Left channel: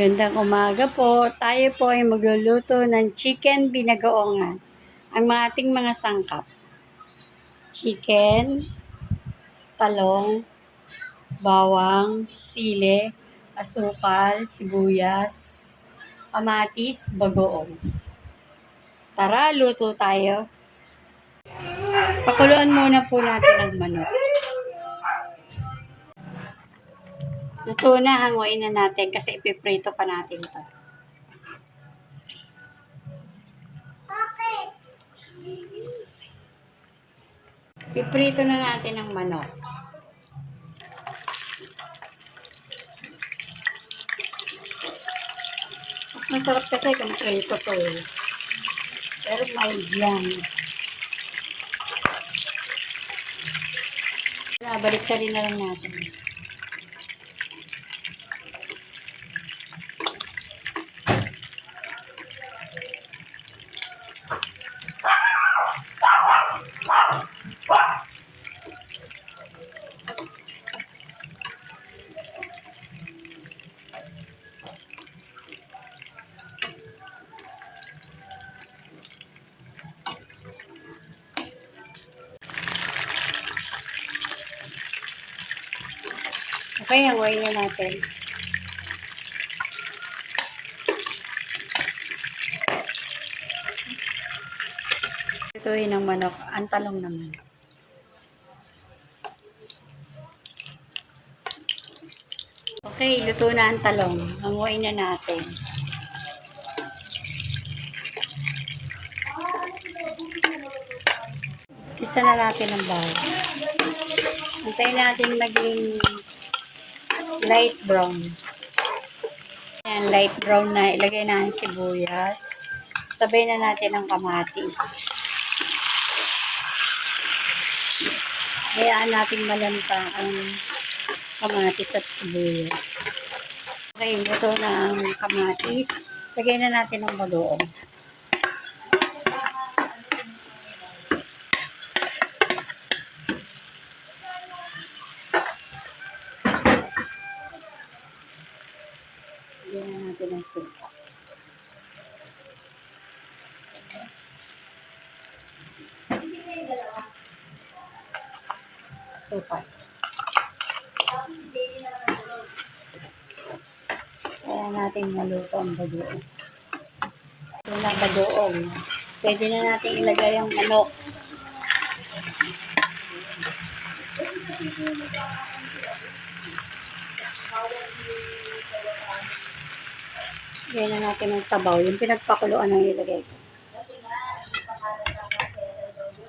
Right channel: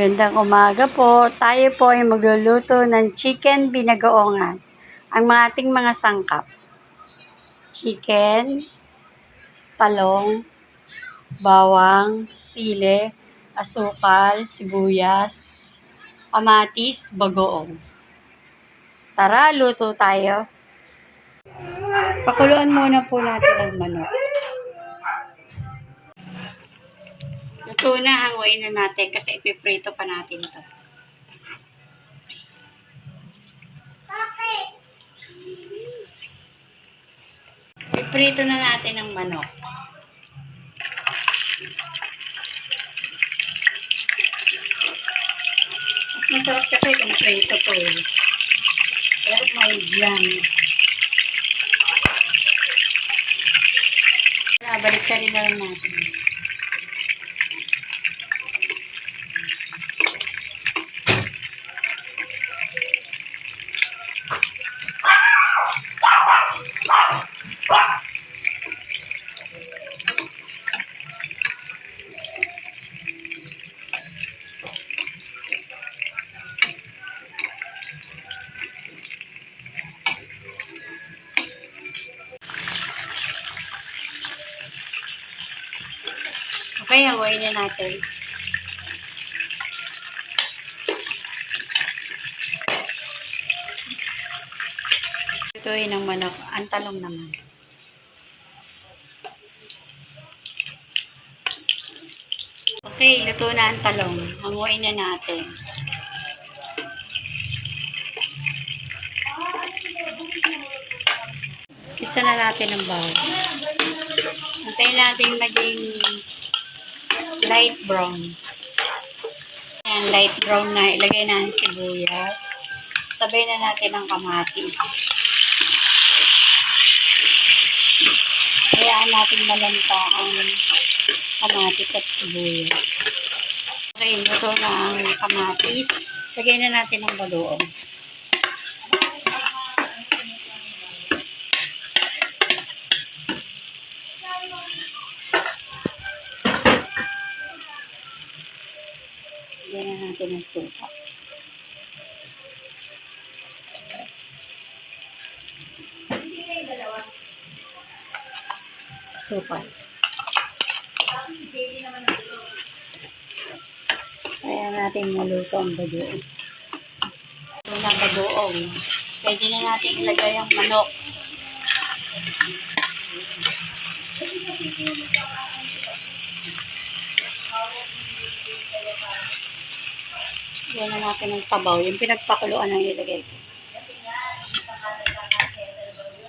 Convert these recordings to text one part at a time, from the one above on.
Magandang umaga po. Tayo po ay magluluto ng chicken binagoongan. Ang mga ating mga sangkap: chicken, talong, bawang, sili, asukal, sibuyas, kamatis, bagoong. Tara, luto tayo. Pakuluan muna po natin ang manok. Luto na, hanguin na natin kasi ipiprito pa natin ito. Ipiprito na natin ang manok. Mas masarap kasi kung prito to eh. Pero mild yan. Balik ka rin na lang natin. Okay, hanguin na natin. Lutuin ang manok. Ang talong naman. Okay, luto na ang talong. Hanguin na natin. Isa na natin ang bawang. Antayin natin maging light brown. Yan, light brown na. Ilagay na ang sibuyas. Sabay na natin ang kamatis. Hayaan natin malanta ang kamatis at sibuyas. Okay, luto na ang kamatis. Lagay na natin ang bagoong. Lagyan na natin ang suka. Suka. Kaya natin maluto ang bagoong. Ito na bagoong. Pwede na natin ilagay ang manok. Lagyan na natin ang sabaw. Yung pinagpakuluan ang ilagay ko.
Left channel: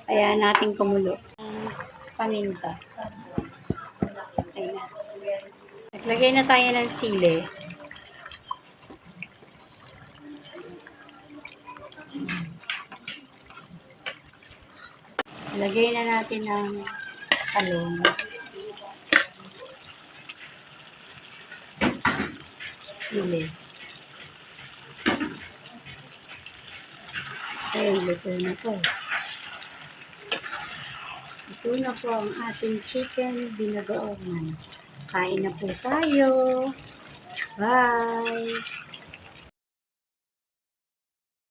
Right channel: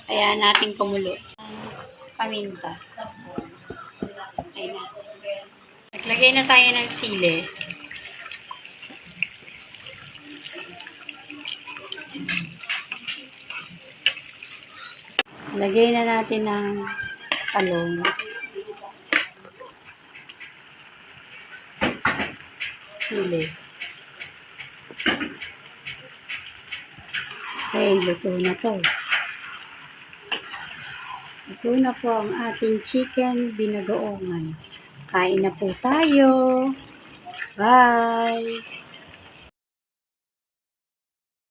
Kaya natin kumulo. Paminta. Ayan na. Naglagay na tayo ng sili. Lagay na natin ng talong. Sili. Okay, luto na to. Ito na po ang ating chicken binagoongan. Kain na po tayo. Bye!